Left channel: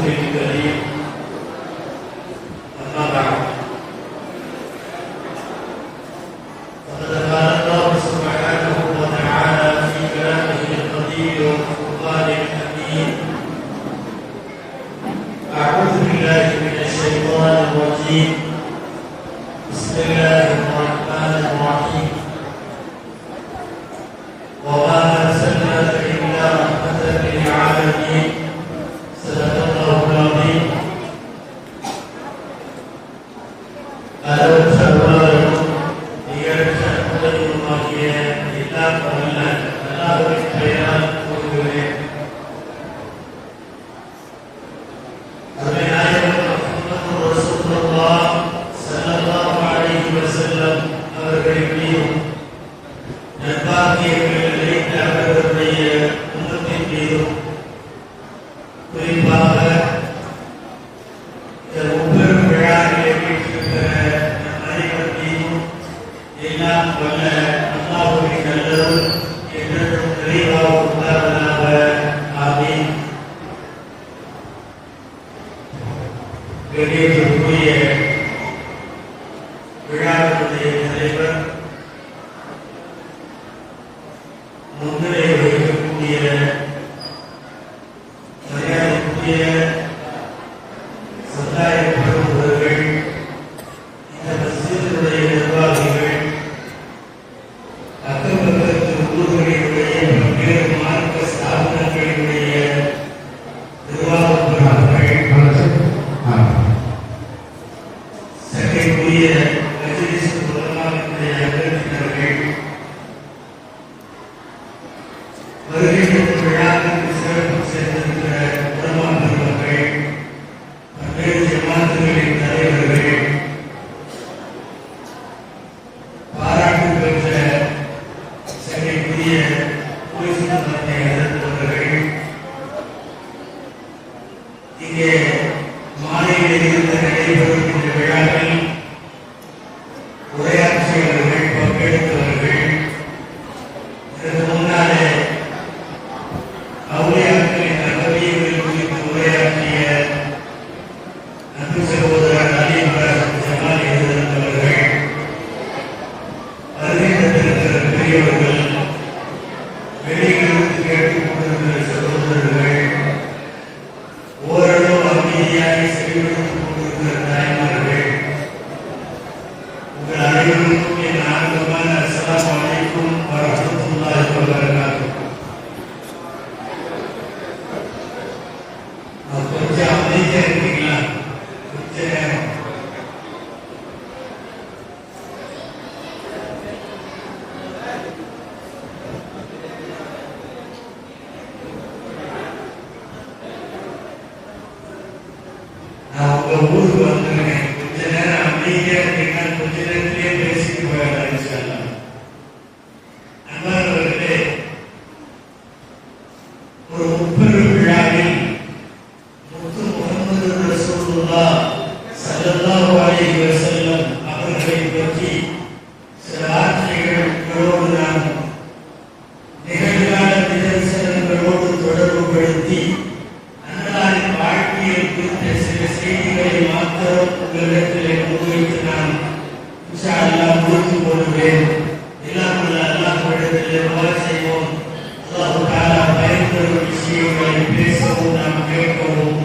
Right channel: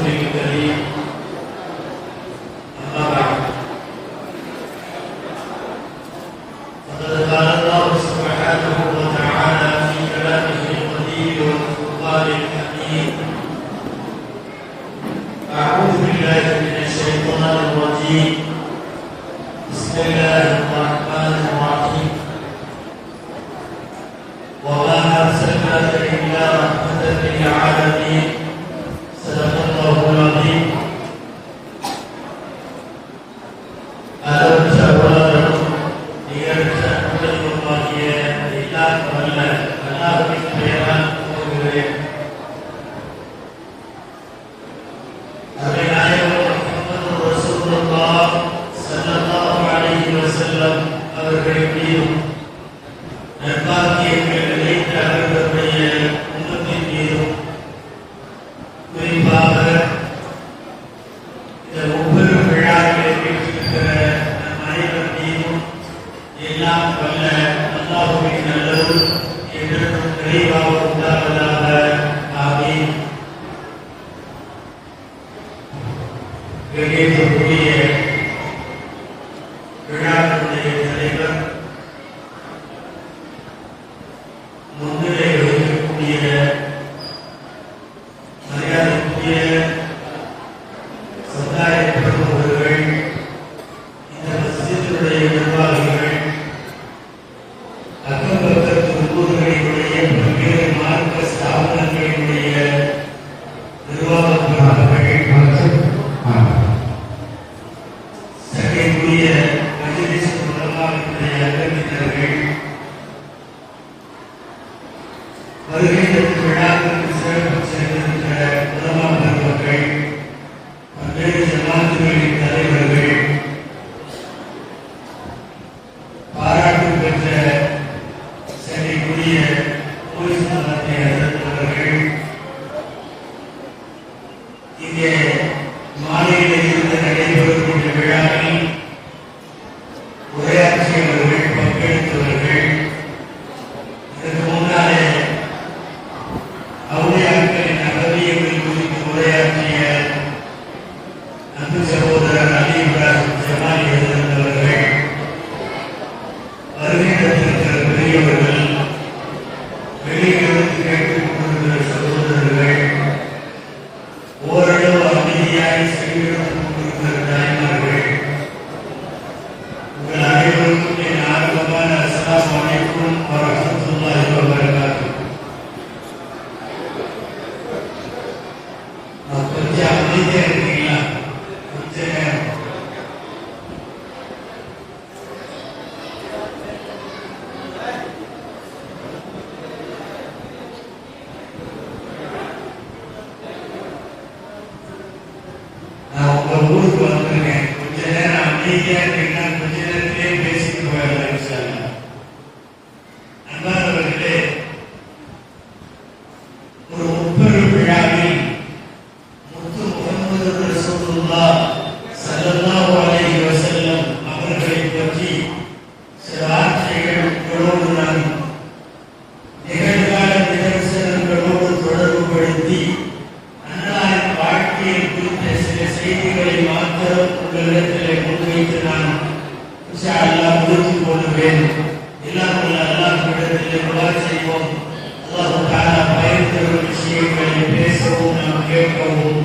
رسوله الكريم أما بعد فقد قال الله سبحانه وتعالى في كلامه القدير والفرقان الحكيم أعوذ بالله من الشيطان الرجيم بسم الله الرحمن الرحيم وما أرسلناك إلا رحمة للعالمين صدق الله العظيم. அளவற்றவரும் நிகழ்ச்ச முதல்வருமாகிய எல்லாம் வல்ல அல்லாஹ்வின் பெயரால் துவங்குகிறேன். அருமைநாயகம் முஹம்மது ரசூலுல்லாஹ் ஸல்லல்லாஹு அலைஹி வஸல்லம் அவர்களின் மீதும் நற்பாக்கியங்கள் நிறைந்த அவர்களுடைய உம்மத்தின் மீதும் குறிப்பாக இந்த ஒவ்வொரு விழாக்களை வீட்டிருக்கிற நம் அனைவர் மீதும் எல்லாம் வல்ல அல்லாஹ்வின் நல்லது என்றும் நிறைவாக உண்டாவதாக. ஆமீன். வெளியேற்றக்கூடிய விழாக்களுடைய தலைவர் முன்னிலை வகிக்கக்கூடிய மரியாதைக்குரிய சமுதாய பிரமுகர்கள், இந்த மஸ்ஜிதுடைய நிர்வாகிகள், அக்கம்பக்கத்து ஊர்களினுடைய பல்வேறு மார்க்க ஸ்தாபனங்களினுடைய நிர்வாகர்கள், சங்கைக்குரிய மஜ்லிஸ் உலமாவுடைய அங்கத்தினர்கள், வருகின்ற விழாக்களுக்கு சிறப்பு சேர்ந்திருக்கிற உலமா பெருமக்கள், பல்வேறு ஜமாத்துகளின் தலைவர்கள், பாராட்டு பெற்ற சங்கைக்குரிய மத்திய எதிர்ப்பவர்கள், இங்கே மாலையில் இருந்து நடைபெறுகின்ற விழாவில் உரையாற்றியவர்கள், பங்கெடுத்தவர்கள், இதற்கு முன்னாலே அவுலியாக்களின் அகவியங்கள் குறித்து உரையாற்றிய அன்பு சகோதரர் அலி இப்ராஹிம் ஜமாலி எழுந்தவர்கள், வருகின்ற பெரியவர்கள், வெளியிலிருந்து கேட்டுக் கொண்டிருக்கிற சகோதரர்கள், ஓரளவு அமைதியாக செவியெடுத்துக் கொண்டிருக்கிற தாய்மார்கள், உங்கள் அனைவருக்கும் என் ஆர்வமான அஸ்ஸலாமு அலைக்கும் வரஹ்மத்துல்லாஹி வபரகாத்துஹு. கொஞ்சம் அமைதியா இருக்கீங்களா? கொஞ்சம் நான் உங்க ஊருக்கு வந்துருக்கேன். கொஞ்ச நேரம் அமைதியா இருக்கீங்கன்னா கொஞ்ச நேரத்திலேயே பேசிட்டு போயிடலாம் இன்ஷா அல்லாஹ். அன்பானவர்களே, ஒரு முப்பெரும் விழாவில் முத்து முஹம்மது ரசூலுல்லாஹ் ஸல்லல்லாஹு அலைஹி வஸல்லம் அவர்களை பற்றி சில வார்த்தைகள் உங்களோடு நான் நிகழ்கால நிதர்சனங்களோடு தொடர்புபடுத்தி அன்னாரின் வாழ்க்கையை குறித்த சில செய்திகளை மாத்திரம் உங்களிடத்திலே முன்வைத்து நான் இன்ஷா அல்லாஹ் முடித்து கொள்வேன். இல்லாமல் அல்லாஹ்விடத்திலே துஆ செய்வோம். அல்லாஹ் தஆலா பயன்தரும் விஷயங்களை பேசவும் நாம் கேட்கவும்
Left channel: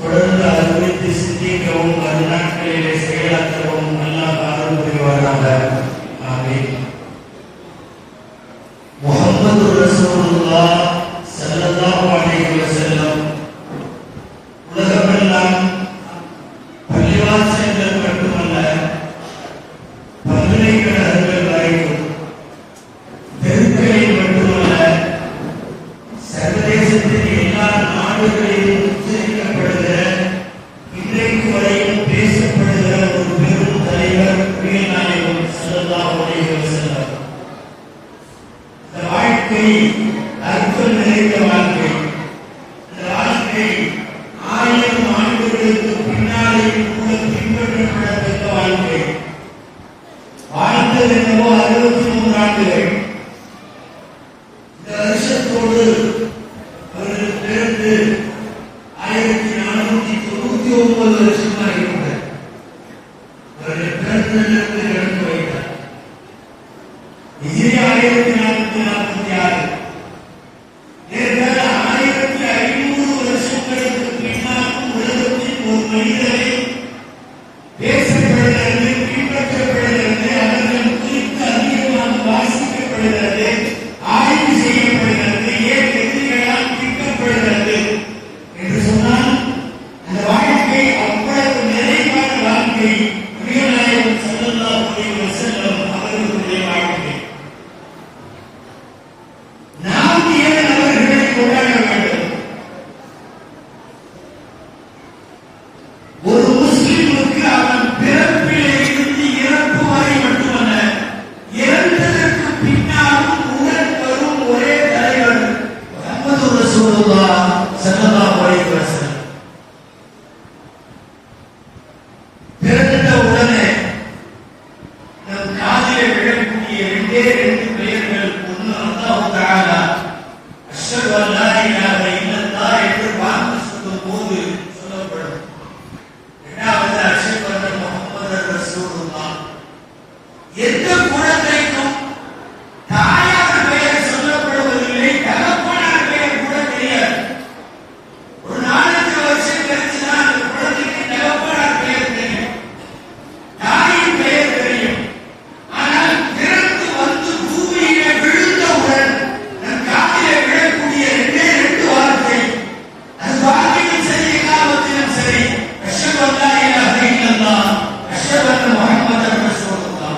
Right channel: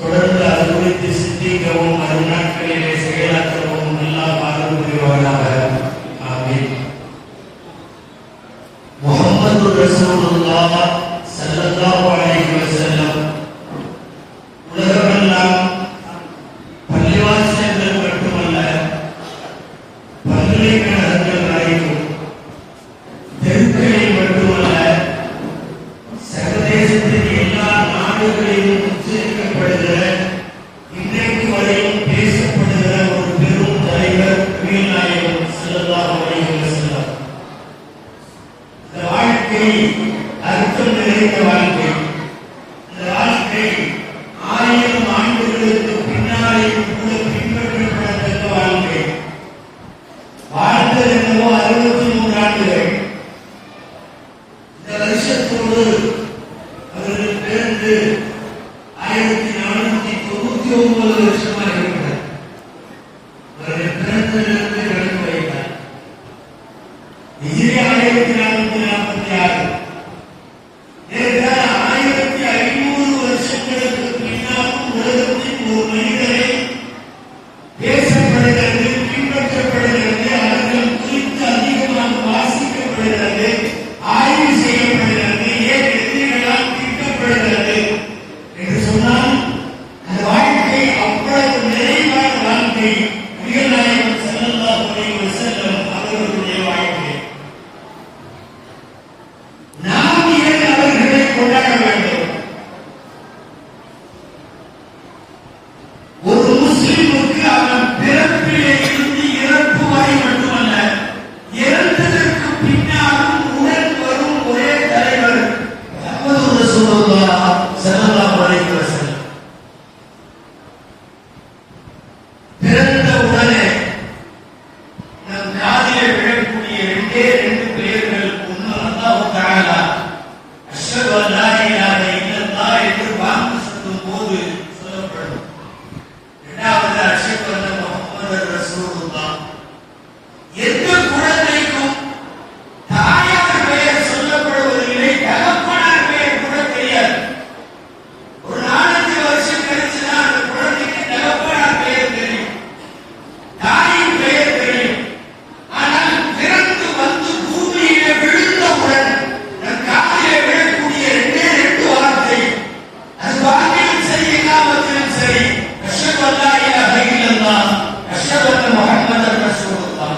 தொடர்ந்து அது குறித்து சிந்திக்கவும் அது நாட்களிலே செயலாற்றவும் அல்லாஹ் அருள் புரிவானாக. ஆமீன். முஹம்மது ரசூலுல்லாஹ் ஸல்லல்லாஹு அலைஹி வஸல்லம் உலகமெல்லாம் பள்ளிவாசல்கள் மட்டுமல்ல, பல்கலைக்கழகங்கள் வரைக்கும், தெருக்களில் மட்டுமல்ல, சர்வதேசத்தின் எல்லா நாடுகளிலும் உச்சரிக்கப்படுகிற, இன்றைக்கு வரையும் பேசப்படுகிற ஒரு பெரும் தலைவர் நாயகம் ஸல்லல்லாஹு அலைஹி வஸல்லம். இந்த வாழ்க்கை அர்த்தம் நிறைந்த வாழ்க்கை. இந்த வாழ்க்கை 1000 ஆண்டுகளுக்கு பின்னாலேயும் கூட பின்பற்றப்படத்தக்க வாழ்க்கை. வாழ்ந்தது என்னவோ 63 ஆண்டுகள். இந்த வருஷத்தோடு அவர்கள் பிறந்து 1499 வருஷமா இருக்கிறார். அவருடைய பிறந்ததிலிருந்து கணக்கு வைத்தார். 1446 1500 வருஷங்களுக்கு பின்னாலும் உலகத்தில் ஒரு மனிதரை பேசப்படுகிறது, பின்பற்றப்படுகிறது, அவர்கள் குறித்து அதிகமாக வாசிக்கப்படுகிறது, ஆய்வு செய்யப்படுகிறது, ஏன் எதிரிகளால் தீர்க்கப்படுகிறது என்று சொன்னால் அந்த வாழ்க்கை அவ்வளவு நிறைவான வாழ்க்கை நபிகள் ஸல்லல்லாஹு அலைஹி வஸல்லம் அவர்களுடைய வாழ்க்கை. நாம் ஏன் அவர்களை கொண்டாட வேண்டும்? ஒரு முஸ்லிமுக்கு அவன் பிறப்பிலே இருந்து இறப்பு வரை மட்டுமல்ல, இறந்ததற்கு பின்னாலும் உடன் வரும் ஒரே தலைவர் முஹம்மது ரசூலுல்லாஹ் ஸல்லல்லாஹு அலைஹி வஸல்லம். பிறந்த உடனே நம் காதிலே விழக்கூடிய ரெண்டு பெயர்கள், ஒன்று அல்லாஹ் தஆலா அஷ்ஹது அன் லா இலாஹ இல்லல்லாஹ் என்று வாக்கு சொல்லும் போது சொல்லப்படும். இரண்டாவது அஷ்ஹது அன்ன முஹம்மது ரசூலுல்லாஹ். எந்த குழந்தைக்கும் தாயார் பெயர் சொல்லப்படுவதில்லை, தகப்பனார் பெயர் கூட தெரியாது. ஒரு 4-5 வருஷம் கழிச்சுதான் அந்த குழந்தைக்கு தகப்பனார் பெயர் தெரியும், தாயின் பெயர் தெரியும். ஆனால் பிறந்து வந்து பூமியிலே விழுந்தவுடன் நம் காதிலே விழக்கூடிய 2 வார்த்தை, அது வாழ்க்கையில் சரி, எல்லாவற்றிலும் சரி, அஷ்ஹது அன் லா இலாஹ இல்லல்லாஹ், அஷ்ஹது அன்ன முஹம்மதன் ரசூலுல்லாஹ்.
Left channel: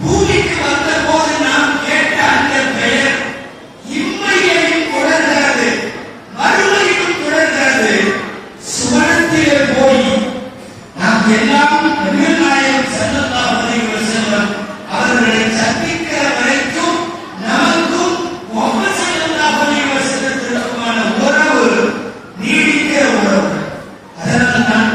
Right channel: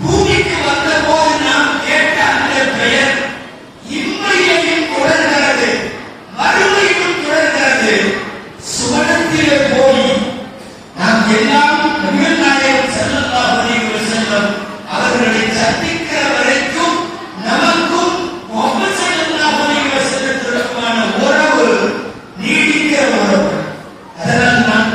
பூமிக்கு வந்த போது நாம் கேட்ட அந்த பெயர் இம்மையிலும் தொடர்கிறது, மறுமையிலும் தொடர்கிறது. சுவனத்திலே போய் நாம் எல்லாம் நபிகள் நாயகம் ஸல்லல்லாஹு அலைஹி வஸல்லம் அவர்களை சந்திக்கிற வரைக்கும் நமக்கும் முஹம்மது ஸல்லல்லாஹு அலைஹி வஸல்லத்திற்குமான உறவு நீடிக்கிற உறவு. அதனால் நான்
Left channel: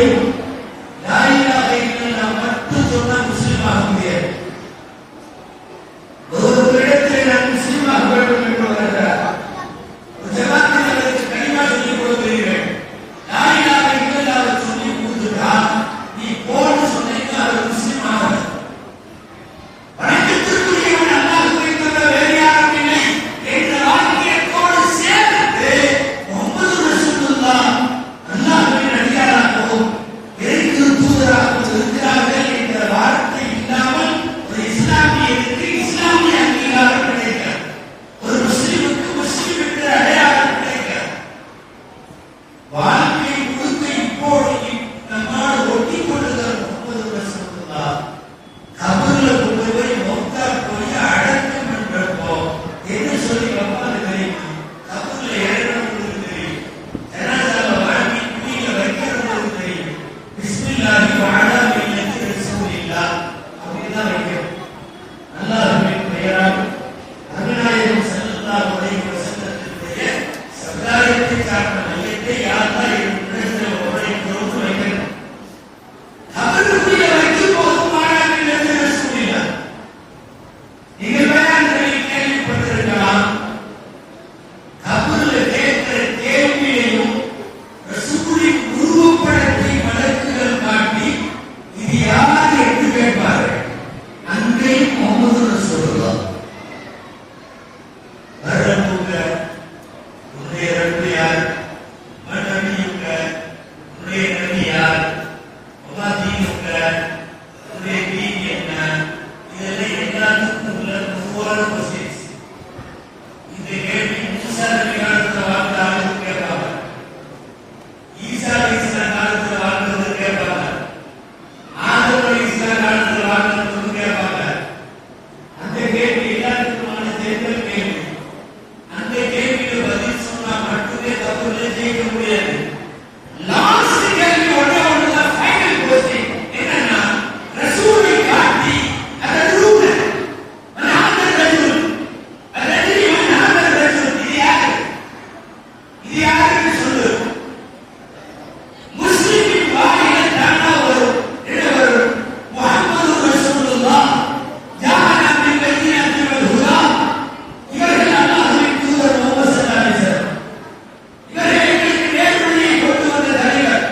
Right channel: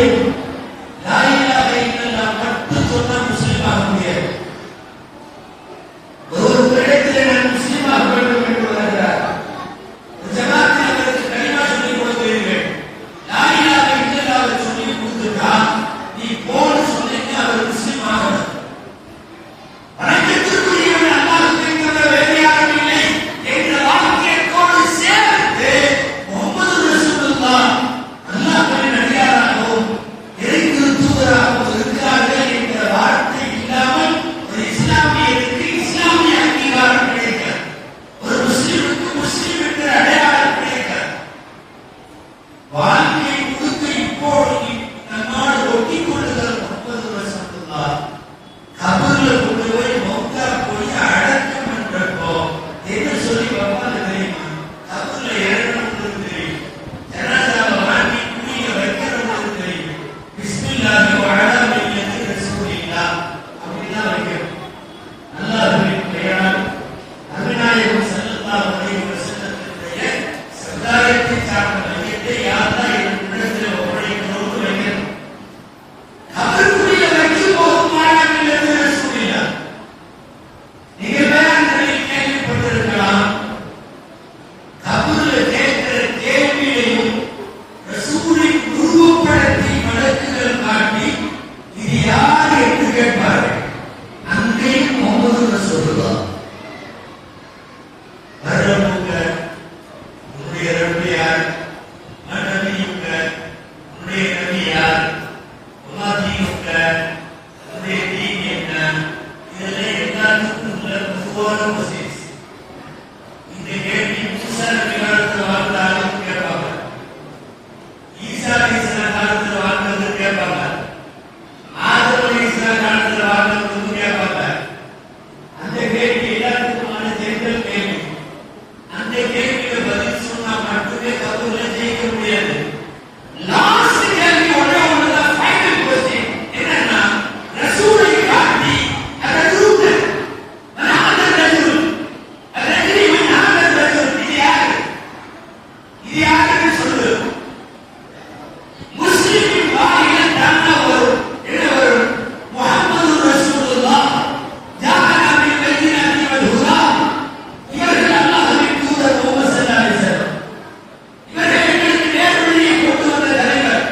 தெரியும், லா இலாஹ இல்லல்லாஹ் மட்டும் சொன்னா முஸ்லிம் ஆக முடியாது. ஒரு இடத்துல நான் முஸ்லிம் ஆக வேண்டும் என்று வருகிறார். ஒரு ஜமாத்தில் அவருக்கு கலிமா சொல்லிக் கொடுக்கிறீர்கள், லா இலாஹ இல்லல்லாஹ் சொல்லி கொடுத்துட்டால் நீ போன்னு சொன்னீங்க, அவர் முஸ்லிம் ஆகணும். வணக்கத்திற்குரியவன் அல்லாஹ்வை தவிர வேறு யாரும் இல்லை என்ற வாக்கியத்தோடு சேர்த்து முஹம்மது ரசூலுல்லாஹ் அல்லாஹ்வின் அடியாராகவும் இறைக்கு தூதராகவும் இருக்கிறார்கள் என்ற வார்த்தை இல்லாமல் ஒரு இஸ்லாமியருக்கு இஸ்லாமிய அங்கீகாரம் கிடைக்காது. ஒரு முஸ்லிமுக்கு முஸ்லிம் என்ற அடையாளம் கிடைக்காது. வாழ்க்கை முழுக்க இப்போது நம்மால் ஒட்டிக் கொள்ளுதல் முஹம்மது ரசூலுல்லாஹ் கபர்ல கொண்டு போய் மௌத்தா போய் அடக்கம் என்றப்போ என்ன சொல்லி வைப்பாங்க தெரியுமா? கபர்ல இறங்கணும்னு தெரியும், ஜனாதாவை வாங்கி குழியில வைக்கணும்னு தெரியும், பிஸ்மில்லாஹி வ அலா மில்லத்தி ரசூலில்லாஹ் அப்படிதான் வைக்கணும். அல்லாஹ்வின் பெயரால் நபிநாயகம் ஸல்லல்லாஹு அலைஹி வஸல்லத்தினுடைய சமுதாயத்தை சார்ந்த மையத்தை யாரெல்லாம் இடத்தில் ஒப்படைக்கிறோம் வைக்கணும். கபருக்குரிய வைக்கும் போது மாணவர்கள் எழுத ரசூலில்லாஹ் நீங்க வேளாண்மையை கேள்விப்பட்டிருக்கலாம். கபூர்ல கேட்கிற கேள்வியையும் ரசூலின் உருவப்படத்தை வழக்குகள் காட்டி இது யார் என்று கேட்பார்கள். அன்றையும் முஹம்மது ரசூலுல்லாஹ் வரமுக உன்னுடைய ரப்பு யார், மனதியுக உன்னுடைய நபி யார், உமாதியுக உன்னுடைய தீன் என்ன, இதெல்லாம் எல்லாத்துக்கும் உள்ள பொதுவான மெசேஜ். இந்த கேள்வி மூசா நபி காலத்தில் வாழ்ந்த ஆளுக்கு கேட்பாங்க, ஈசா அலைஹிஸ்ஸலாம் காலத்தில் வாழ்ந்தது கேட்பாங்க, ஆதம் அலைஹிஸ்ஸலாம் காலத்தில் வாழ்ந்தது கேட்பாங்க. அந்த கேள்வி எல்லாத்துக்குமான ஜெனரல் கேள்வி. அந்த கேள்விக்கு பதில் சொன்னா மட்டுமே கபூர்ல ஜெயிக்க முடியாது. லாஸ்ட் கேள்வி ஒரே ஒன்றுதான் ஃபைனல் கொஸ்டின். என்னன்னா ரசூலை காட்டி அந்த ரூட் மனாதர் ரசூல் அதற்கு மனாதர் ரசூல் இது யாரு, இது யாருன்னு சொல்லு. முஸ்லிமின் வாயில தானா வரும் என்ன வரும்? முஹம்மது ரசூலுல்லாஹ் ஜாஅனா பில் பையினாத்தி வல் ஹுதா. இவர்கள் அல்லாஹ்வின் தூதர் முஹம்மது ஸல்லல்லாஹு அலைஹி வஸல்லம். இவர்கள் எங்களுக்கு நேர்வழியை கொண்டு வந்த தலைவர்,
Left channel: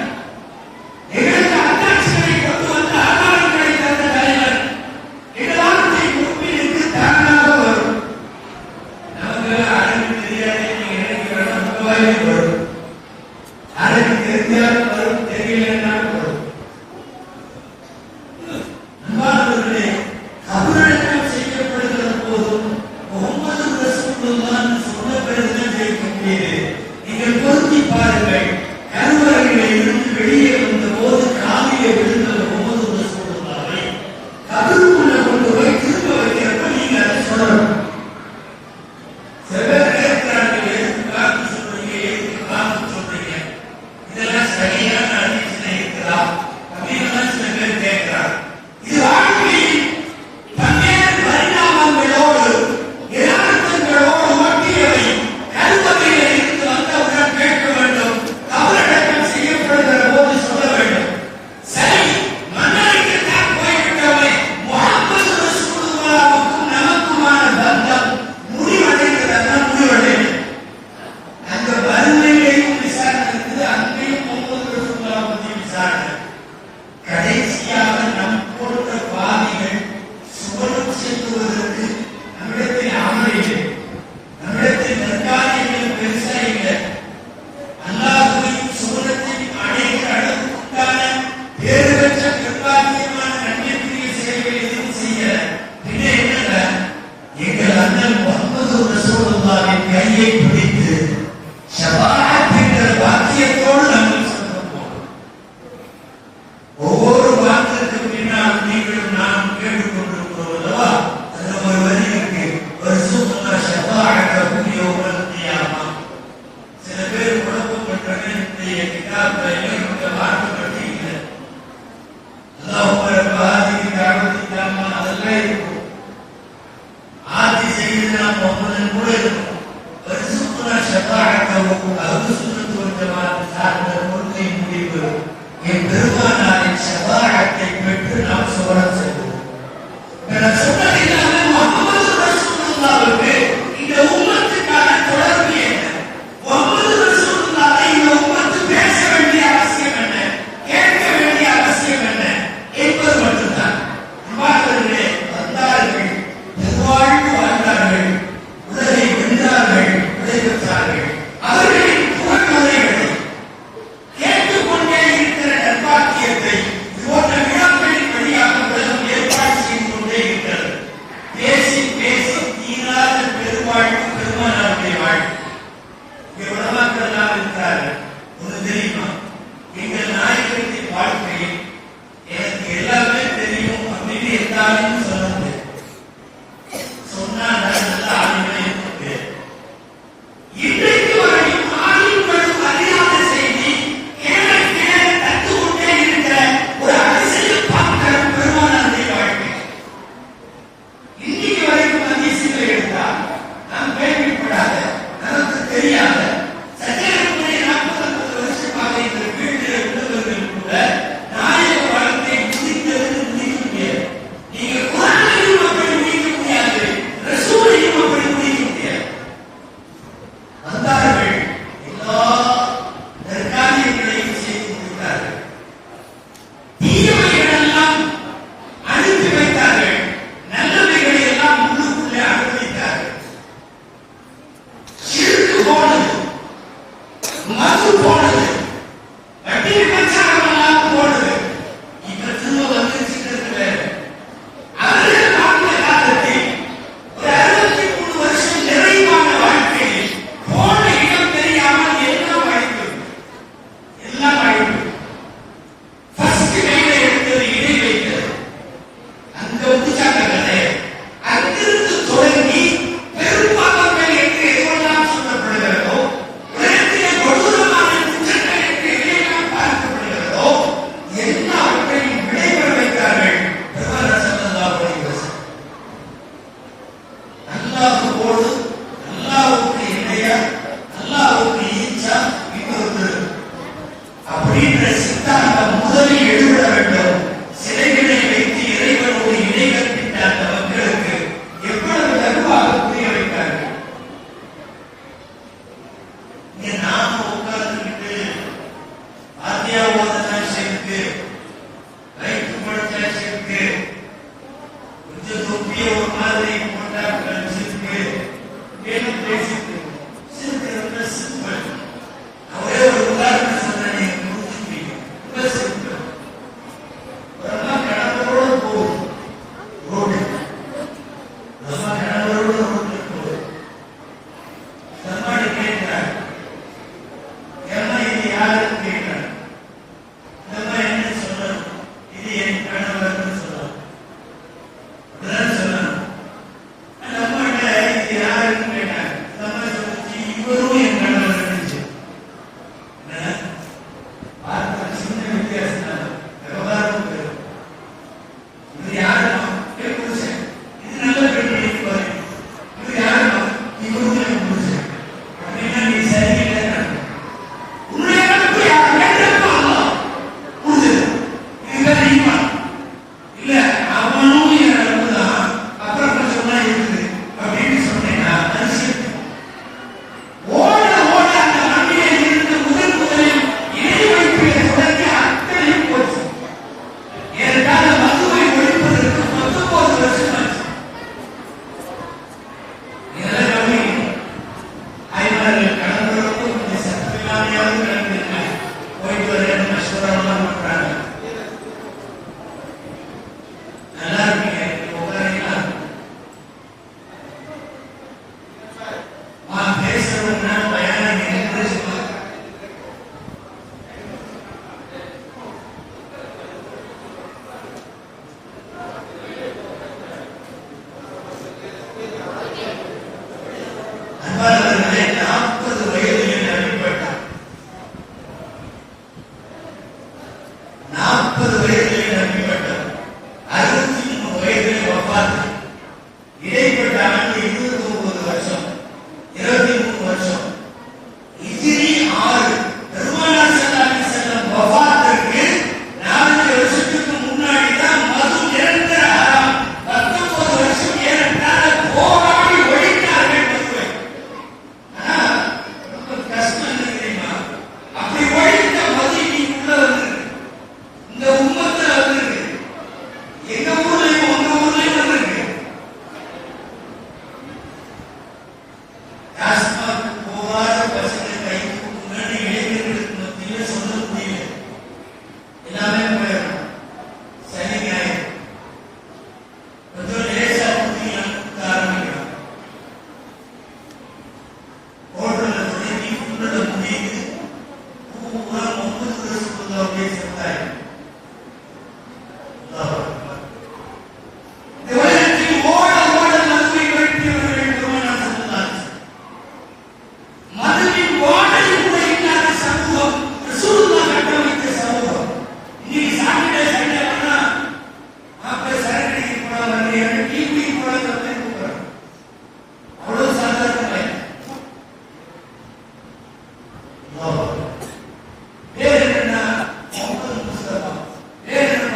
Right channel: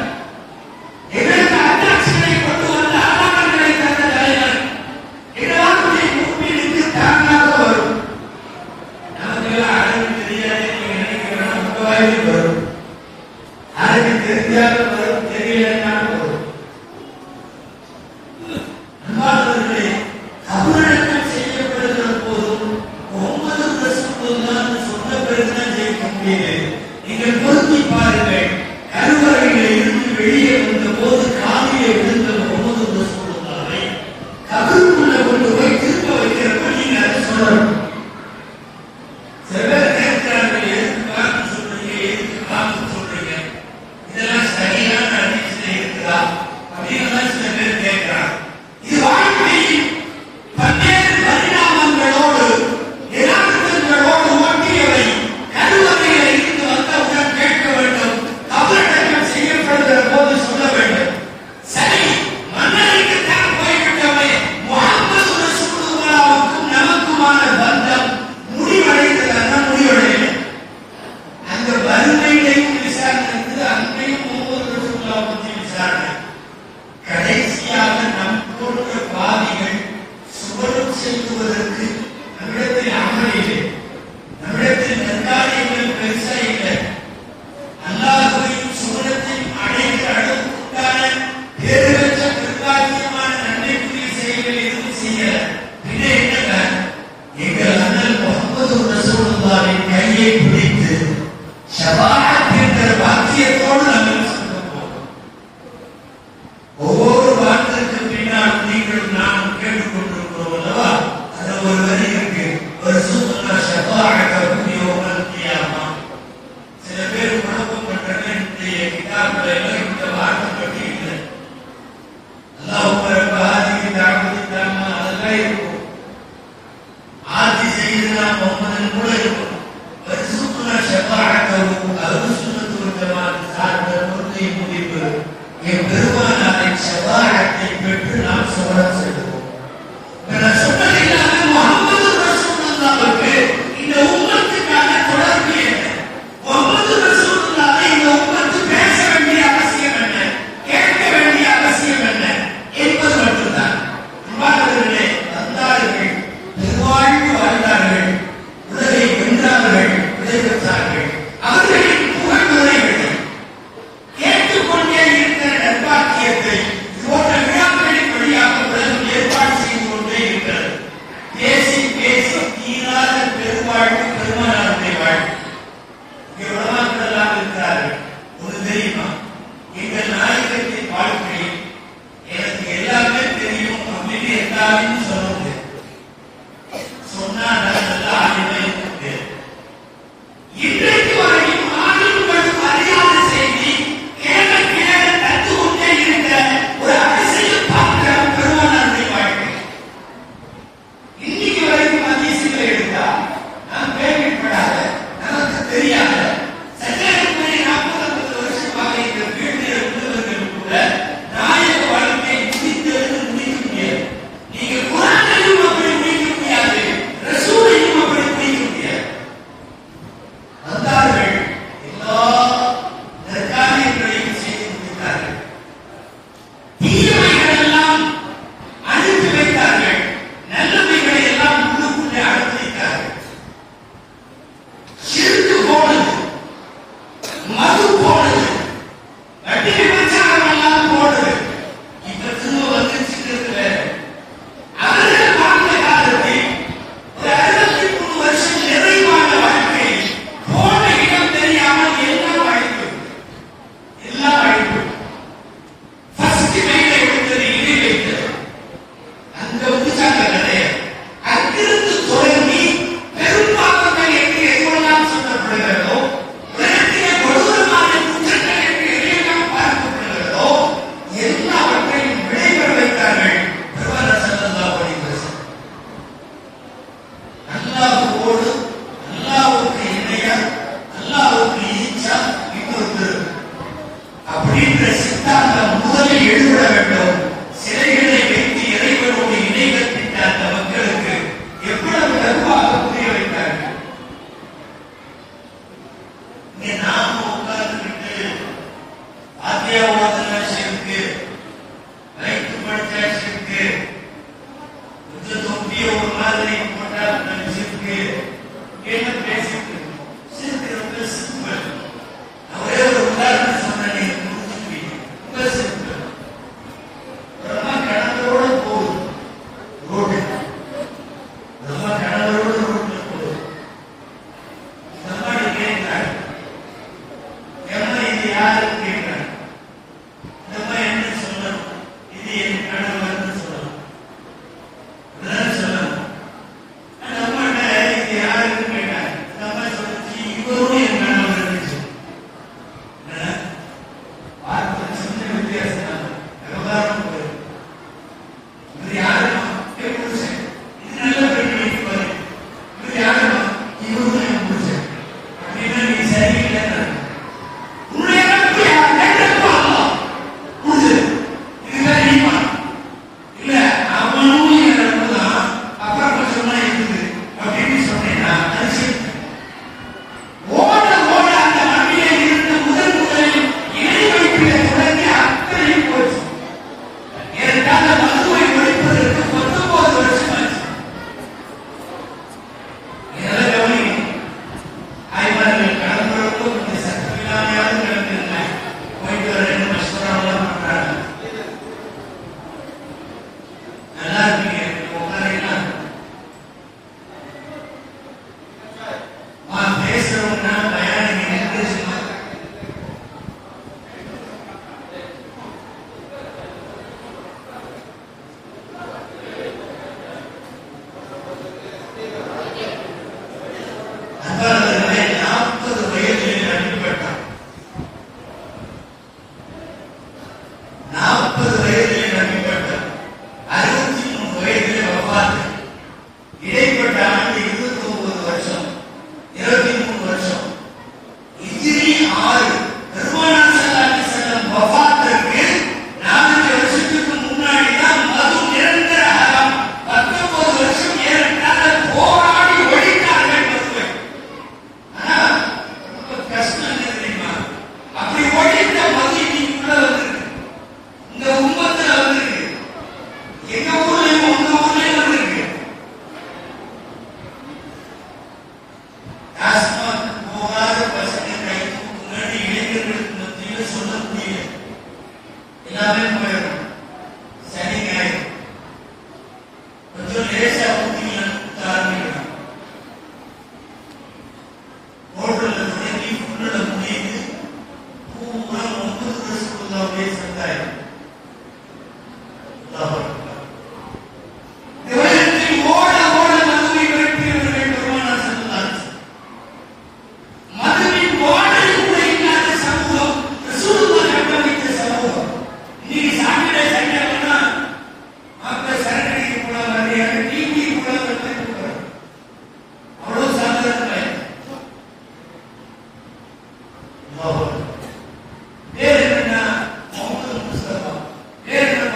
எங்களுக்கு அத்தாட்சிகளை கொண்டு வந்த ஆதாரங்களை தந்த தலைவர். இந்த வார்த்தை முன்பிலிருந்து தானாக வரும். நமக்கெல்லாம் அரபி தெரியாது, நீங்க நினைக்கிறோம் முகவாய்க்கு வரும். அரபி தெரிஞ்சாலும் வரும், தெரியலன்னாலும் வரும். அன்பானவர்களே, கபூரடக்கம் செய்யப்படுகிற போதும் முஹம்மது ரசூலுல்லாஹ் சொன்ன பிறகுதான் ஜெயிக்க முடியுது. நீங்கள் பொருத்தி பாருங்கள், கருவறையில இருந்து வெளியே வந்த போது காலியை விழுந்த முஹம்மது ரசூலுல்லாஹை கபருக்குள்ள கொண்டு போய் திரும்ப வைக்கிறப்ப நீங்க அதை சொல்லணும். சில பேர் கேட்கிறார்கள், எதுக்கு காத்து சொல்றீங்க, எதுக்கு காத்து சொல்றீங்க, இதெல்லாம் சரியான அடிச்சுல இருக்கிறா அப்படின்னு சில பேர் கேட்கிறாங்க. இது வாழ்க்கையில் பல்வேறு பரிணாமங்களோடு யதார்த்தங்களோடு ஒட்டியவை. கருவறையில இருந்து வந்தவுடன் கேட்க வேண்டும், கபரடக்கம் செய்யப்படுகிற போது சொல்ல வேண்டும். சரி, மன்னரைக்குத்தான் போய்விட்டவை. முஹம்மது ரசூலுல்லாஹ்வுக்கும் நமக்குமான பந்தம் முடிவடைந்ததா? முடிவடையும். அந்த வறுமையிலையும் விசாரணை இருக்குது, அங்கேயும் முஹம்மது ரசூலுல்லாஹ் பற்றி விசாரணை. கடைசியாக நம் போன்ற பாவிகள் சுவனம் செல்வதற்கு நம்மிடத்தில் அமல் இல்லை, நம்மிடத்தில் நற்காரியங்கள் பெருசா இல்லை. அல்லாஹ்வின் சுவனத்தின் அனைத்து அளவுக்குண்டான பேருவற்ற பிரகாசமான நன்மைக்குரிய செயல்களை எதுவும் செய்யல. பின்ன என்ன? எங்கள் அண்ணன் முஹம்மது ரசூலுல்லாஹின் கையை பிடித்து ஷஃபாஅத் என்ற வாக்கியத்தோடு நாங்கள் சொல்லுவோம். ஒவ்வொரு வார்த்தைக்கு பின்னால் நீங்களும் நாம் கேட்டுக்கொண்டிருக்கிறோம் அல்லவா? அதுல ஒரு வரி இருக்கு, வர்சுக்னா ஷஃபாஅத்தஹு யௌமல் கியாமா. சில பேர் குழப்பம் பண்றதுடைய கிதாபுல இந்த வார்த்தை பற்றி இல்லை. அல்லாஹ் ரப்பாஹி தாவதி தாமா அதெல்லாம் இருக்கும். ஆதி செய்தனா முஹம்மது கூட இருக்கும். வர்சுக்னா ஷஃபாஅத்தஹு அஹ்லு சுன்னத் வல் ஜமாஅத் சார்ந்த கொள்கை முடிவு என் அடையாளத்தை பெற்று நாம் சோழச் செல்வோம். சொன்னதில்லாத முஹம்மது ரசூலுல்லாஹ்வுக்கு இந்த உம்மத்துக்கான தொடர்பு என்ன? முஹம்மது ரசூலுல்லாஹ்வை இந்த உம்மத்து பேச வேண்டிய அவசியம் என்ன, கேட்க வேண்டிய அவசியம் என்ன என்பது மட்டும்தான். இவ்வாறு வந்தார்கள், பெருவாழ்வு வாழ்ந்தார்கள், உலகை வென்றார்கள், விடைபெற்றார்கள். அவர்களின் புகழ்முறைகளை கேட்டுக்கொண்டே இருக்கிற நற்பாக்கியத்தை போன்ற விழாக்களில் எல்லாமே போயிடும். சனி ஞாயிறு கொஞ்சம் லேசா கொடுத்தீங்கன்னா ஆரம்பிக்கலாம். ஹோட்டல்ல தொடங்கி உன்னோட முடியுது பூரா 9 வருஷத்துக்கு அப்படியே சந்தாயிடும். வேறு என்னன்னா முகமது முஸ்தபா வேறு என்ன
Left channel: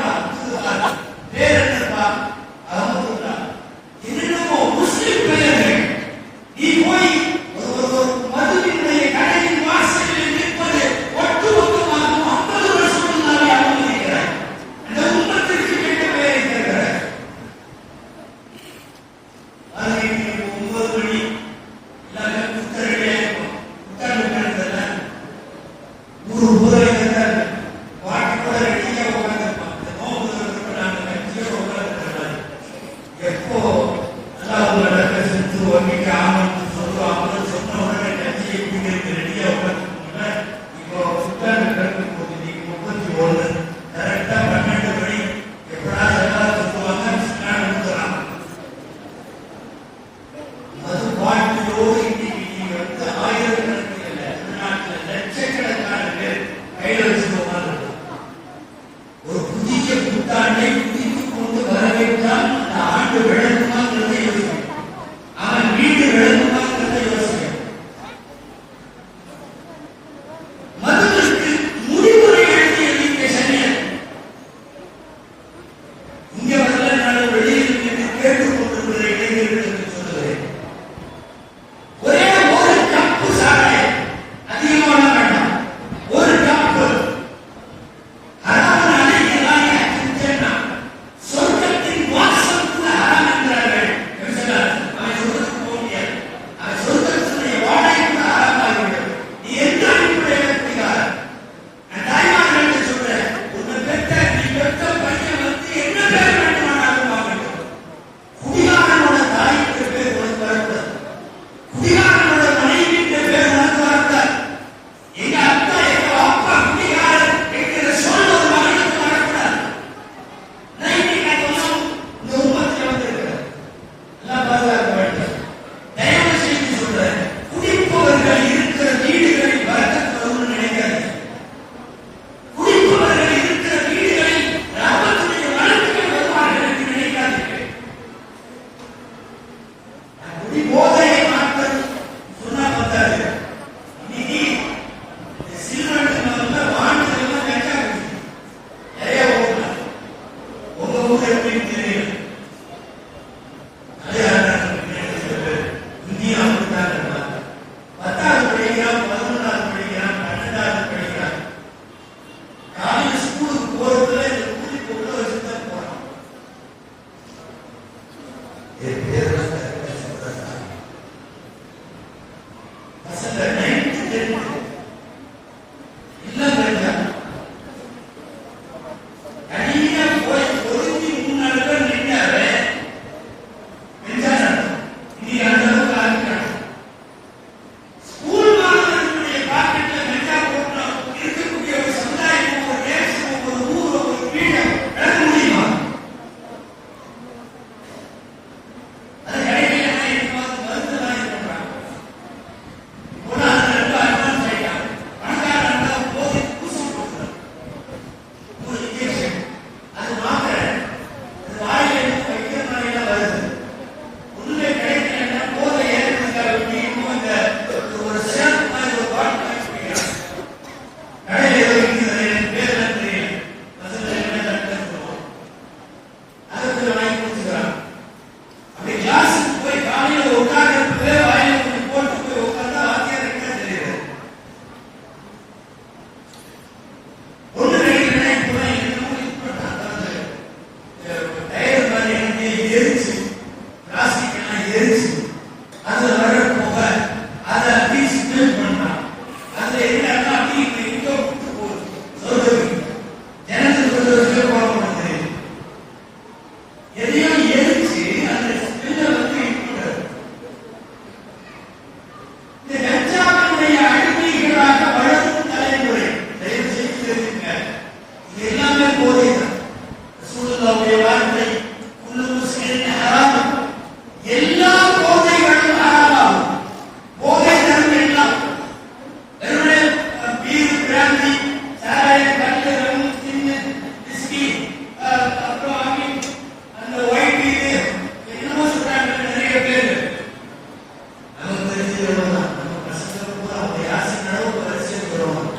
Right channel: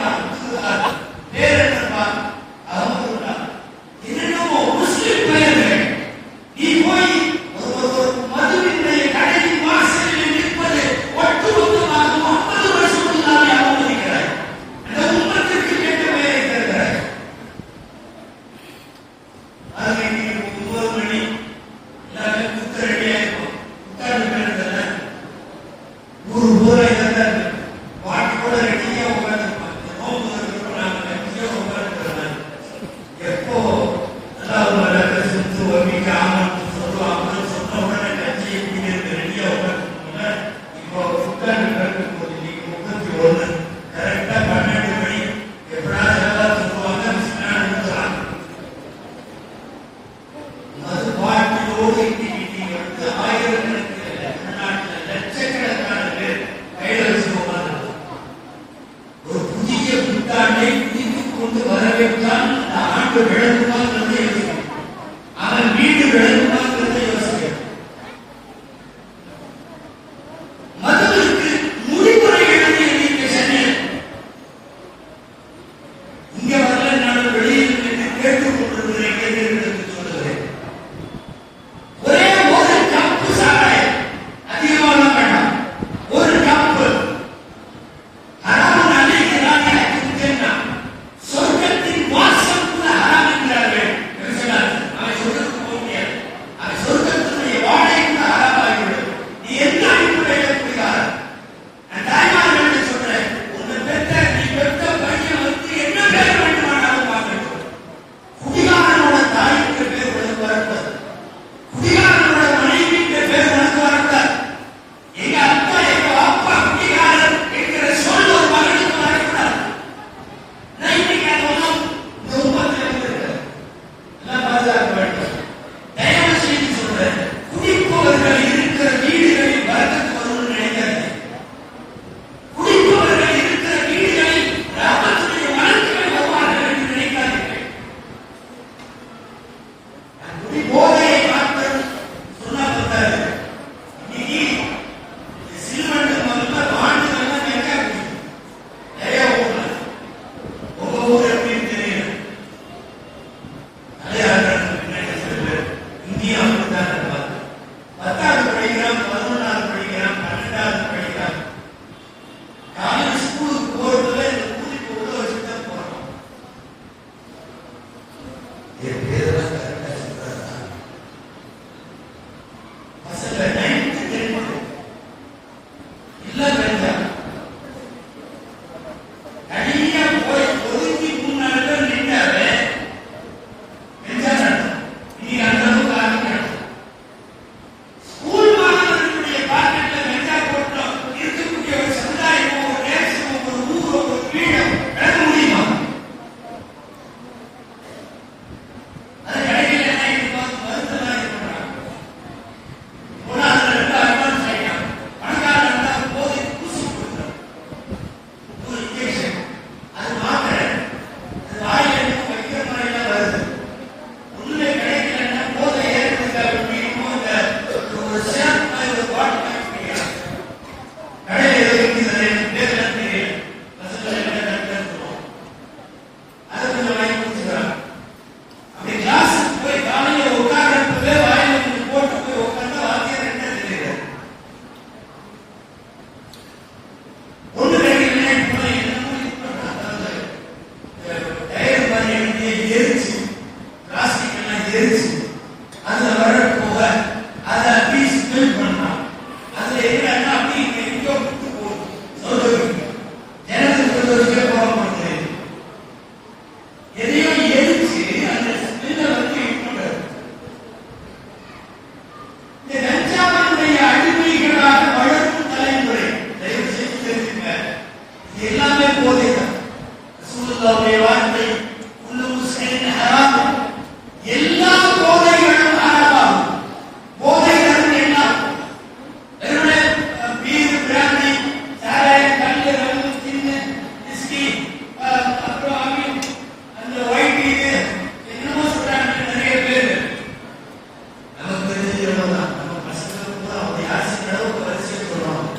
எல்லாமே போதை தான். ரசூலுல்லாஹ்வுடைய வார்த்தை குல்லு முஸ்கிரின் ஹராம், எல்லா போதைகளும் ஹராமாகும். போதைகள் எல்லாம் வெறுமனே பீர், பிராந்தி, சாராயம், கல்லு, ரம்மு, ஜின்னு, விஸ்கி, அப்புறம் அந்த ஒயிட் பீர் என்னமோ சொல்றாங்க நிறைய பேர். நமக்கு தெரிஞ்சது எவ்வளவுதான், நம்ம பசங்களுக்கு கூட அவங்க யாசிக்கிற அளவுக்கு வரிசையை சொல்லணும்.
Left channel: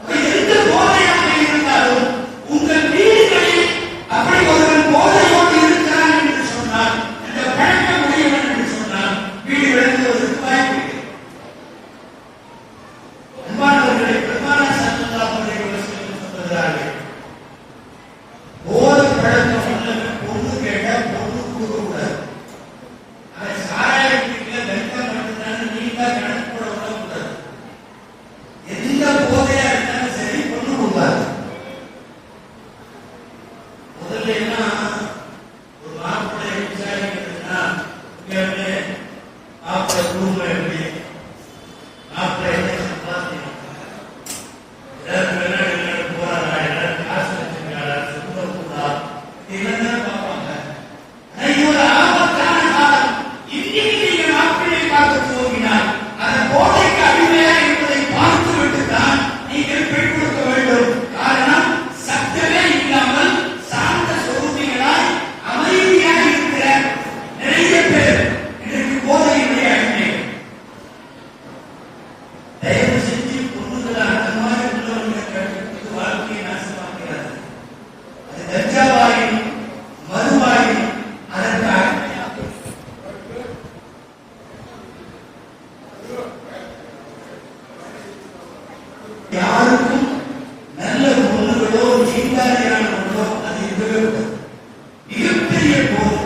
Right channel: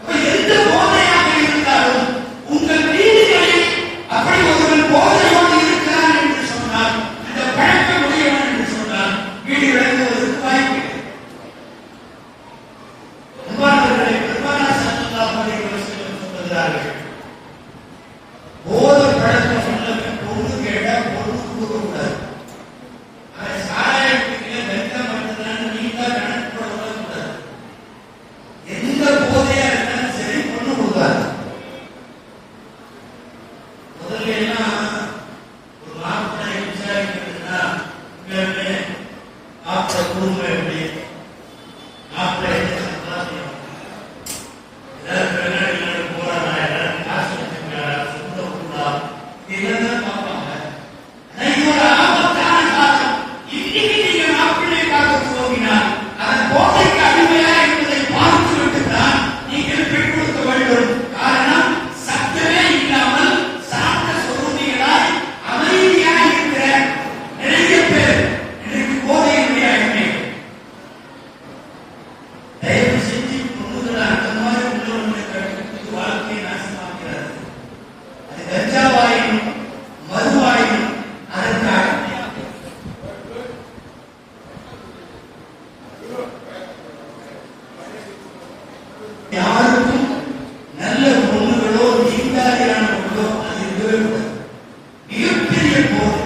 அப்ப எந்த போதையாக இருந்தாலும் உங்கள் வீடுகளில் அப்படி ஒருவன் போதையோடு இருக்கிறான் என்று சொன்னால், அந்த பழக்கம் உடையவன் என்று சொன்னால் வீடு விளங்குவதற்கு வாய்ப்பு இல்லை. அன்பானவர்களே, பெருமானார் ஸல்லல்லாஹு அலைஹி வஸல்லம் சொல்கிறார்கள், போதை பழக்கம் உள்ளவன் பொண்ணு கேட்டா பொண்ணு கொடுக்கக்கூடாது. அவன் சாராயம் குடிக்கல, கஞ்சா மட்டும்தான் நீங்க கணக்கு போட விடக்கூடாது. எந்த போதையா இருந்தாலும் சரி பொண்ணு கொடுக்காது. முதல்ல எல்லாம் ஒரு மாப்பிள்ளை விசாரிக்கிறதுனா மாப்பிள்ளை குடும்பம் எப்படி, மாப்பிள்ளை என்ன சம்பாதிக்கிறாங்க, எல்லாரும் வெளிநாடுகளுக்கு போறாங்க, எல்லாரும் காசு வச்சிருக்காங்க, சுத்தக்கூடா, இதெல்லாம் பார்ப்பாங்க. இது ஒரு ஆபத்தான காலம். இன்னைக்கு நீங்க மாப்பிள்ளை பார்க்க போகிறார், அதன் போதைக்கு அடிமையா என்பதை பார்த்து விட்டுதான் நீங்கள் பெண் கொடுக்க வேண்டும். காரணம், சத்தமே இல்லாமல் சாந்த சொரூபிகளாய் அமைதியாக இருக்கிற நிறைய பேர் இன்றைக்கு போதையினுடைய அடிமைகள். தயவு செஞ்சு பொண்ணுகளை அந்த மாதிரி உள்ளவர்களை கற்றுக் வாழ்க்கையை நாசமாக்கிறார். அது கஞ்சாவாயும் மதுவாயும் அதற்கு அடிமையாக யாருக்கும் நல்ல பொண்ணுகளோ நீண்டாரியான பொண்ணோ அது இருக்கவே கூடாது. மிகப்பெரிய போதை.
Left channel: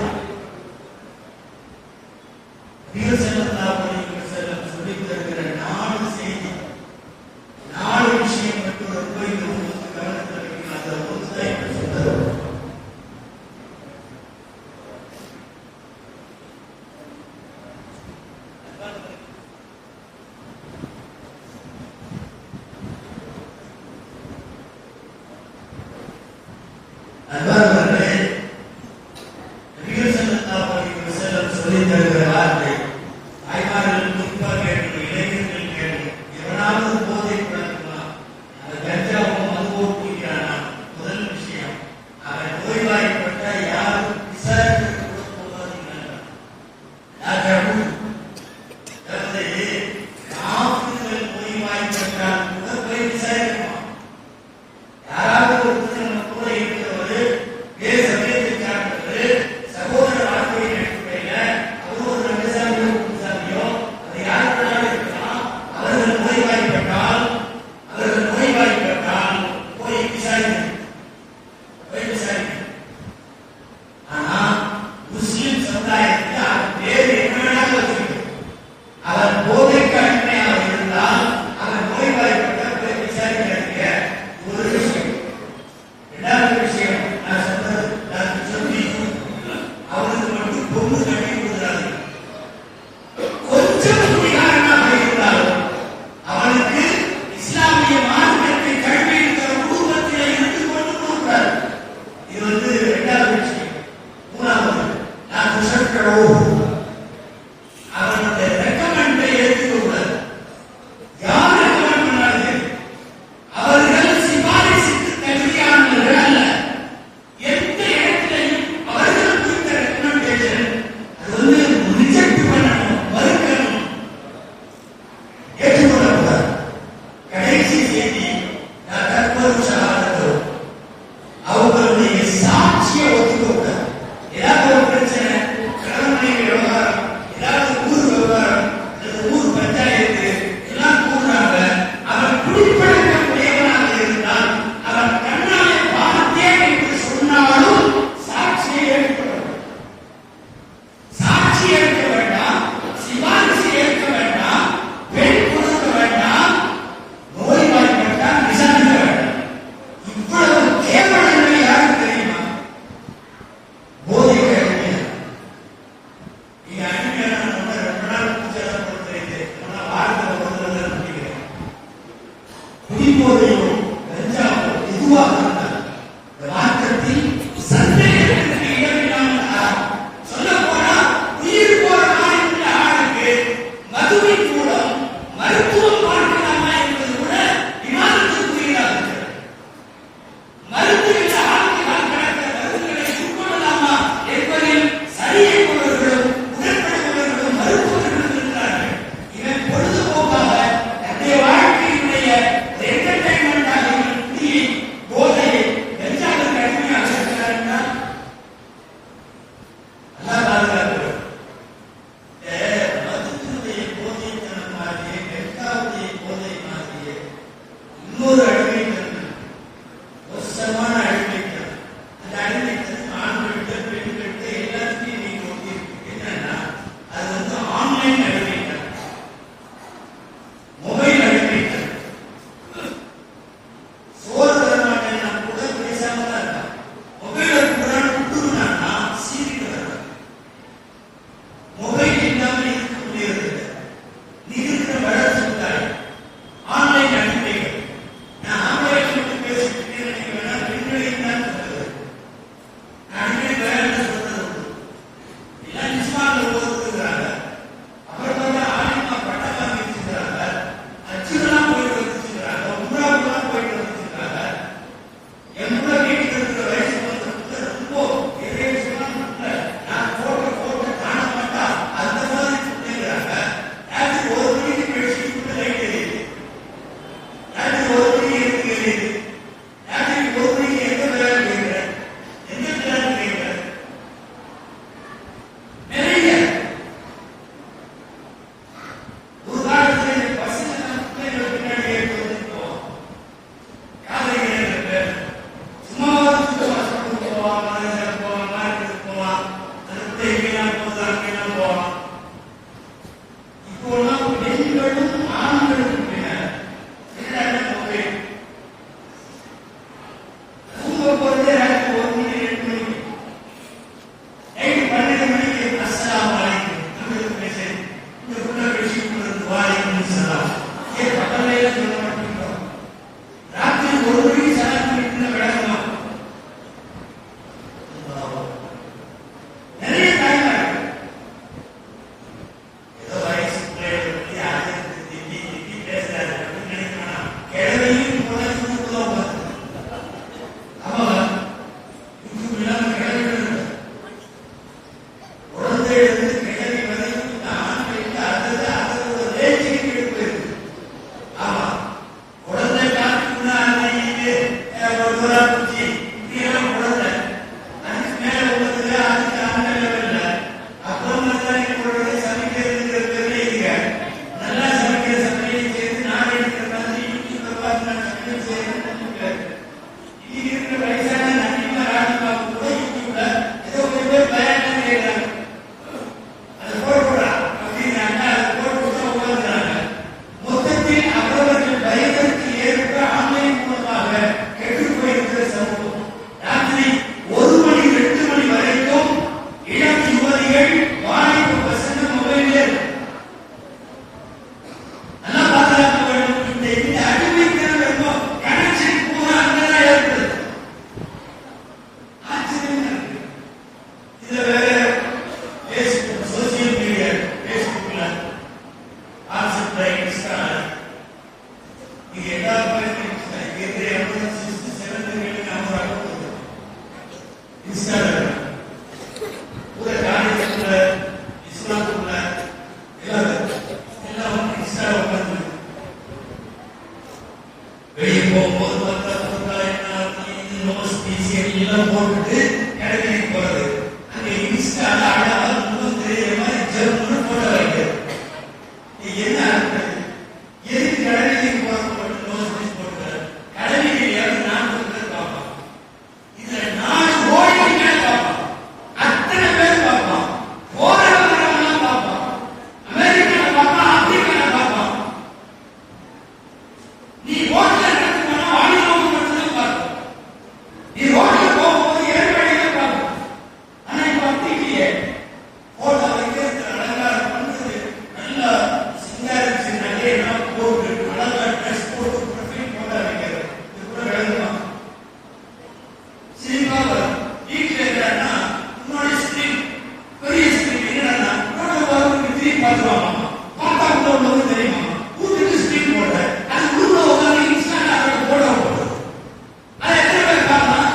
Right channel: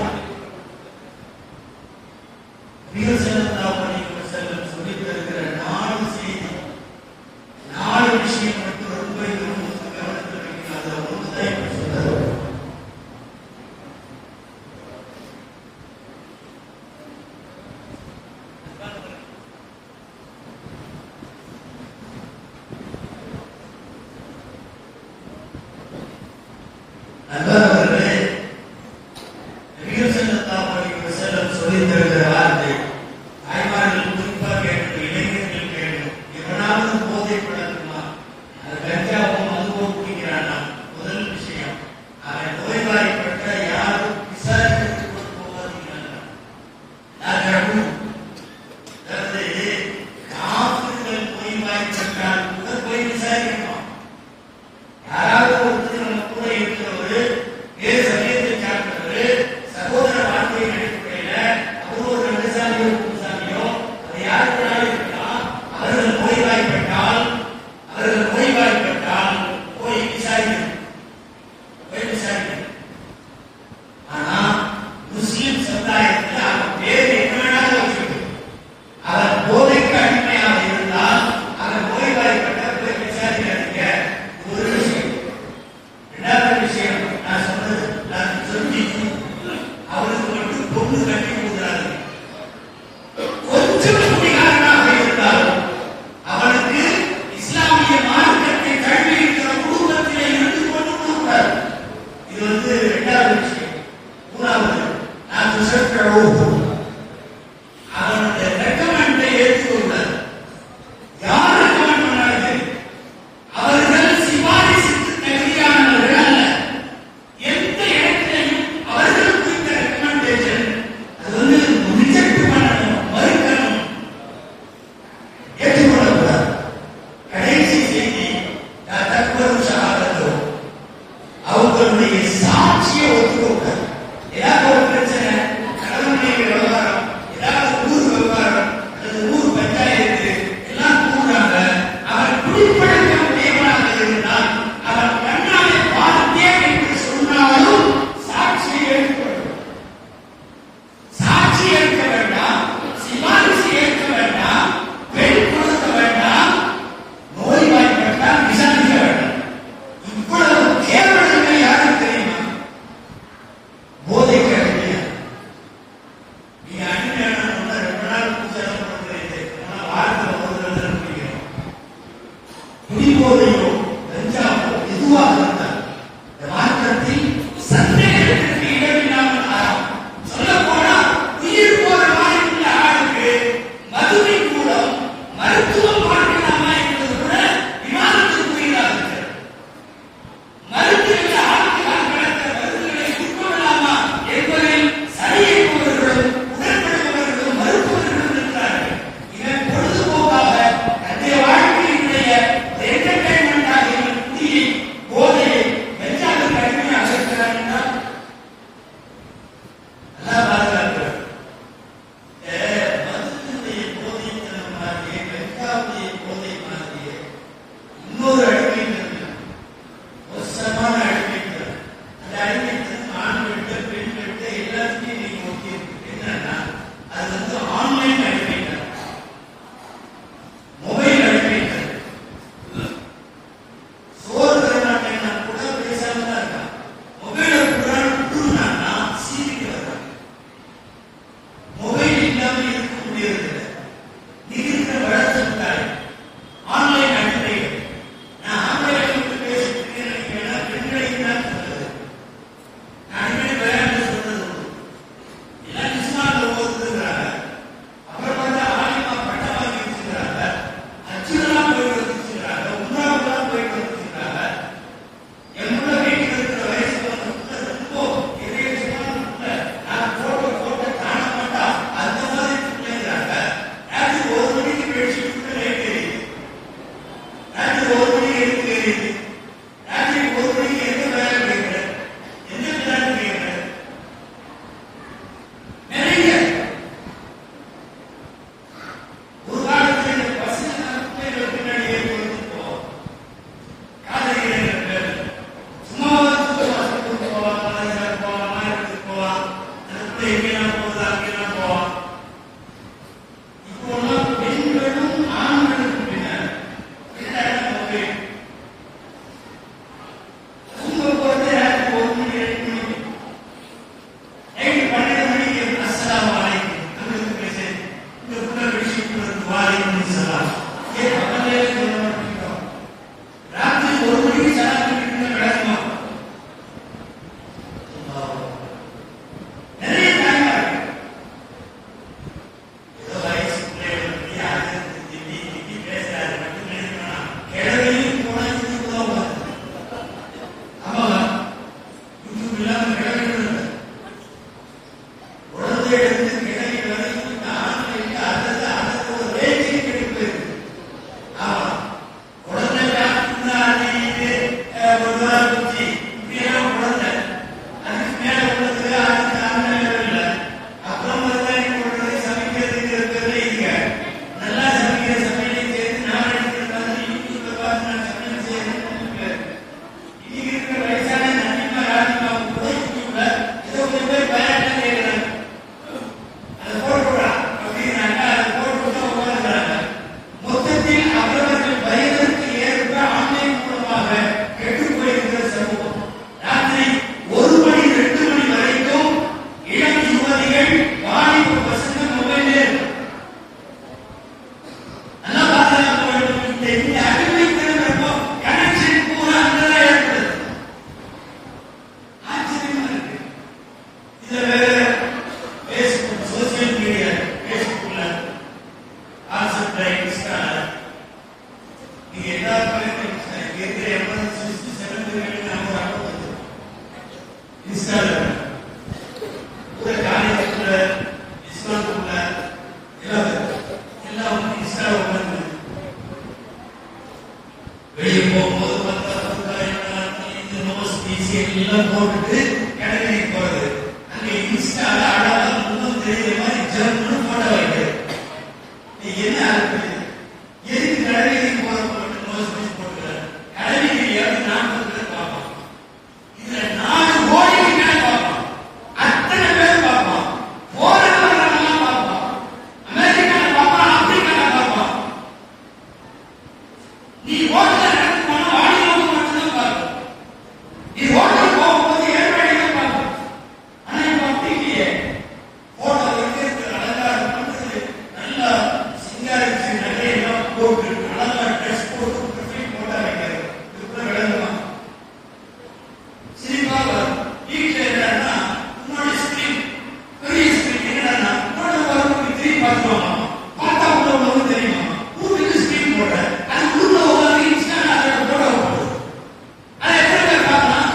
ஸல்லல்லாஹு அலைஹி வஸல்லம் சொல்லித் தருகிற 4 செய்தி, 4 விஷயம் மட்டும் ரொம்ப கவனத்தில் வைக்கணும். அதில் ஒன்றுதான் இப்ப சொல்றது. அன்பானவர்களே, நபிகள் ஸல்லல்லாஹு அலைஹி வஸல்லம் சொல்லித் தருகிற வார்த்தை தாய்மார்கள் குறிப்பாக கேட்கணும், இளைஞர்கள் கேட்கணும். எவனாவது போதை பழக்கமா, அது கஞ்சாவோ மதுவோ குடிக்கிறானா, முதல் விஷயம் அவன் நோய்வாய்ப்பட்ட யாரும் விசாரிக்கிறதுக்கு போகாதீங்க. அதாவது டாக்டர்கள் நோய்வாய்ப்பட்டால் கூட போய் விசாரிக்கணும். யாராவது ஒருத்தர் நம்ம கூட இருக்கிறவர் போட்டு கடற்கரைக்கு போறது அங்க இன்ஸ்டால அழகா முன்னும் தெரியுற மாதிரி ஜம்முன்னு போட வைக்கிறது. நீ என்ன அர்த்தம்? எதுக்கு கடற்கரைக்கு போட்டு நோஸ் பீஸ் போட்டு கடற்கரையாவது நான் பார்ப்பான். இதுல 4 கோடிக்கு மேல பார்ப்பான். அத்தனை பேர் பார்ப்பான். போராடுறவங்க பார்ப்பான். அமெரிக்கால பார்ப்பான், ஆப்பிரிக்கால பார்ப்பான். நீ ரோட்ல நடந்து போனா வாடினவங்க மட்டும்தான் பார்ப்போம். நீ ரோட்ல போகும்போது ஏழ்மையில பார்ப்போம். ஆனா இப்ப அப்படி இல்லையே. போட்டோ வைக்கிறது அழகா பண்ணுறது நல்லா சிங்காரிச்சு நிறைய போட்டு அழகா ட்ரெஸ் போட்டு போட்டோ வைக்கிறது இது கூட விளங்குவான். சினிமா வீட்டுல இருக்கிறான்னா முன்னாடி ஸ்கிரீன் பெரிய ஸ்கிரீன் என்னன்னா முன்னாடி வரவங்க திரும்பி பார்க்கலாம். பார்த்தா உள்ள உள்ளவங்க தெரியுமா? வீட்டுக்கு ஸ்கிரீன் போடுற அது உள்ள ஒரு இன்ஸ்டால அதை போட போடுது. அதை எத்தனை பேர் பார்க்கலாம்?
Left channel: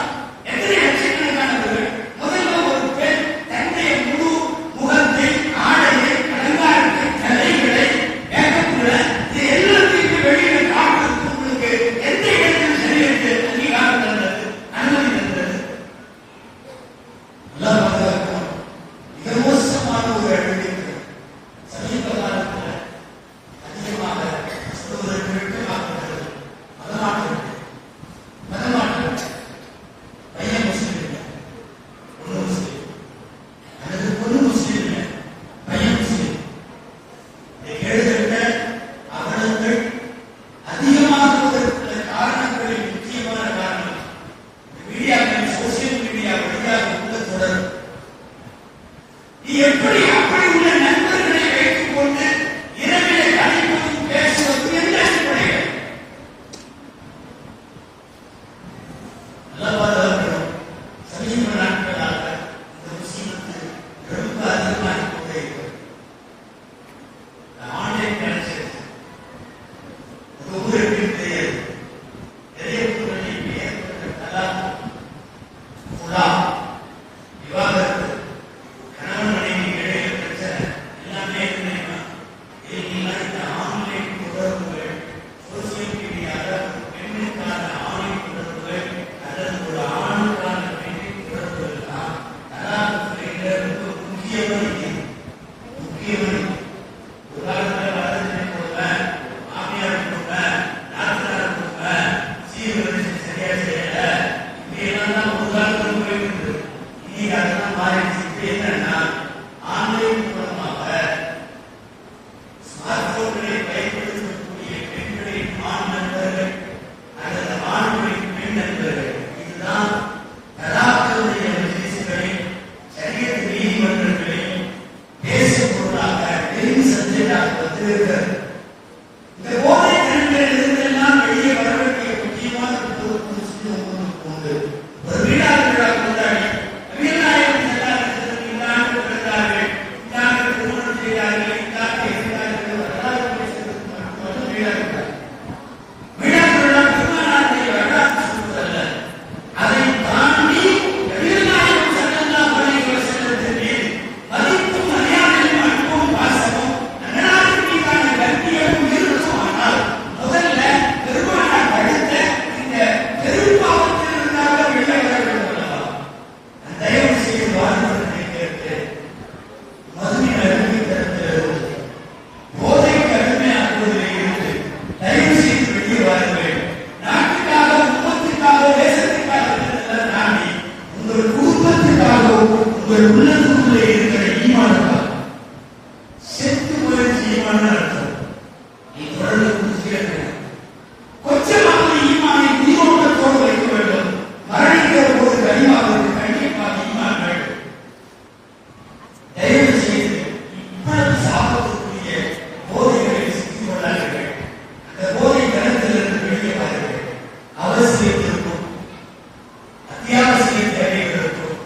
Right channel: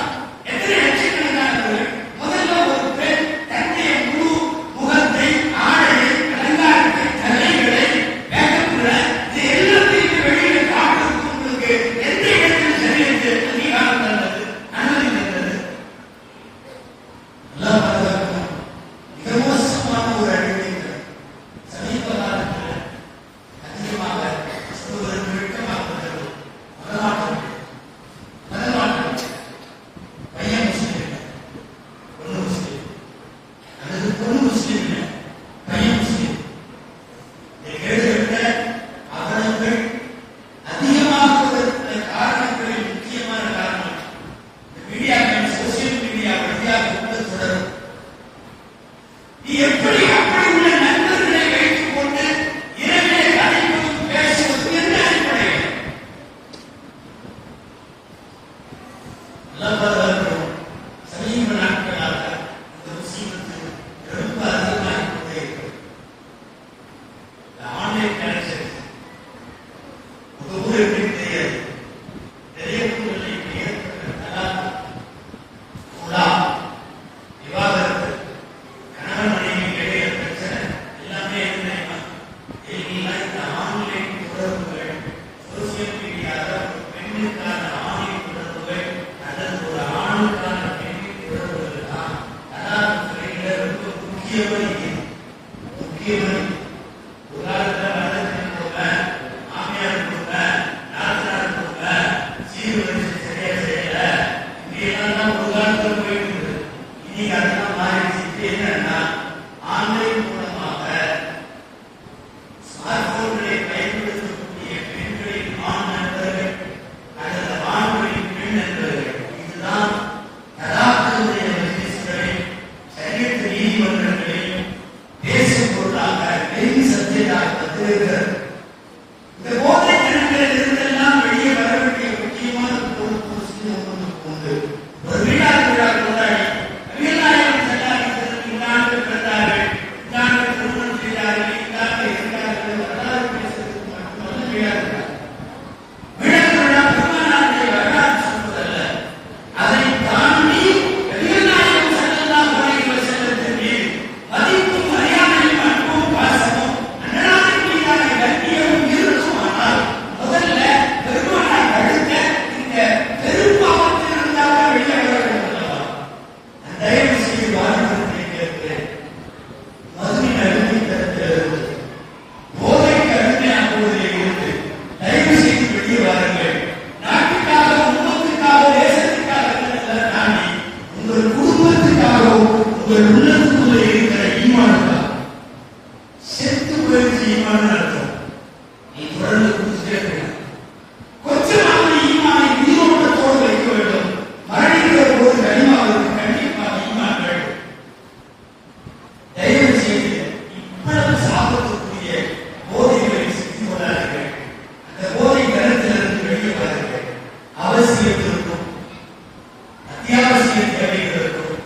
அத்தியாவசிய தேவைகளுக்கும்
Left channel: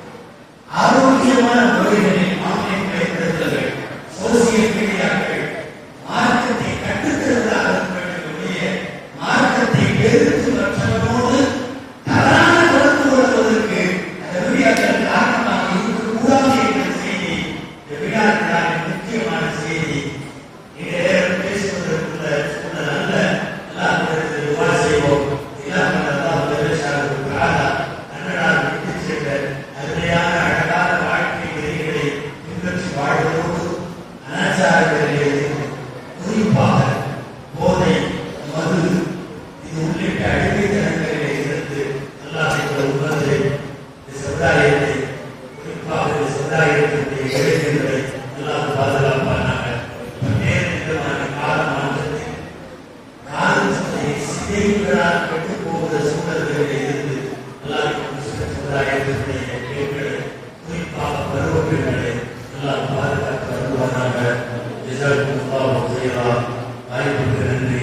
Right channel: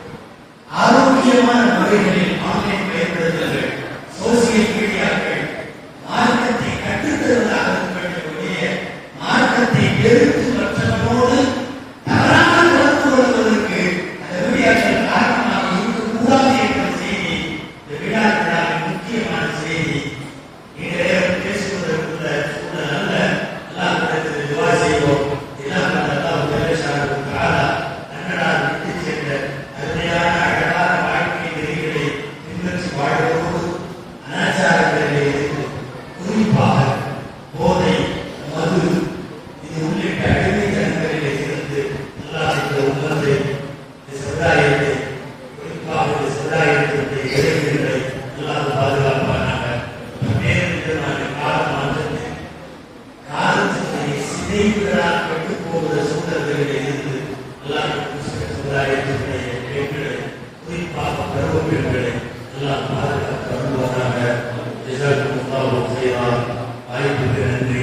ஆரோக்கியமான முறைகளில் ஆன்லைன் பயன்படுத்துதல்கள், சோசியல் மீடியாக்கள் மார்க்கத்தை கற்றுத்தருவதாக இருக்கக்கூடிய மார்க்கத்தை எடுத்து மற்றவரோடு தவறான தொடர்பு கொள்வதற்கு அந்த மீடியாக்கள் காரணமாக இருக்கக்கூடாது என்ற செய்தி இந்த விழாக்களின் முக்கியமான செய்தி. நேரம் பேசுவதற்குள்ள சூழல் அல்ல. எல்லாம் விவா செய்வோம். அன்னடால் விட்டு சென்ற அருமையான அழகான வாழ்க்கை நெறிகளை பின்பற்றி வாழ்வதோடு அனாச்சாரங்களிலே குறிப்பாக போதை, மது இது உள்ளிட்ட அடிமைத்தனங்களிலே இருந்து அல்லாஹ் இந்த உணர்வை, இந்த சமுதாயத்தை, குறிப்பாக இந்த சமுதாயத்தினுடைய இளைஞர்களை எல்லாம் பாதுகாப்பானாக. பல்வேறு விதமான காலமாற்றத்தை சிதைவுகளால் கெட்டு போகிற சூழல்களிலே இருந்து அல்லாஹ் சமுதாயத்தினுடைய பெண்களை, குறிப்பாக பருவ பெண்களை எல்லாம் பாதுகாத்து வருவானாக. வாய்ப்புக்கு நன்றி.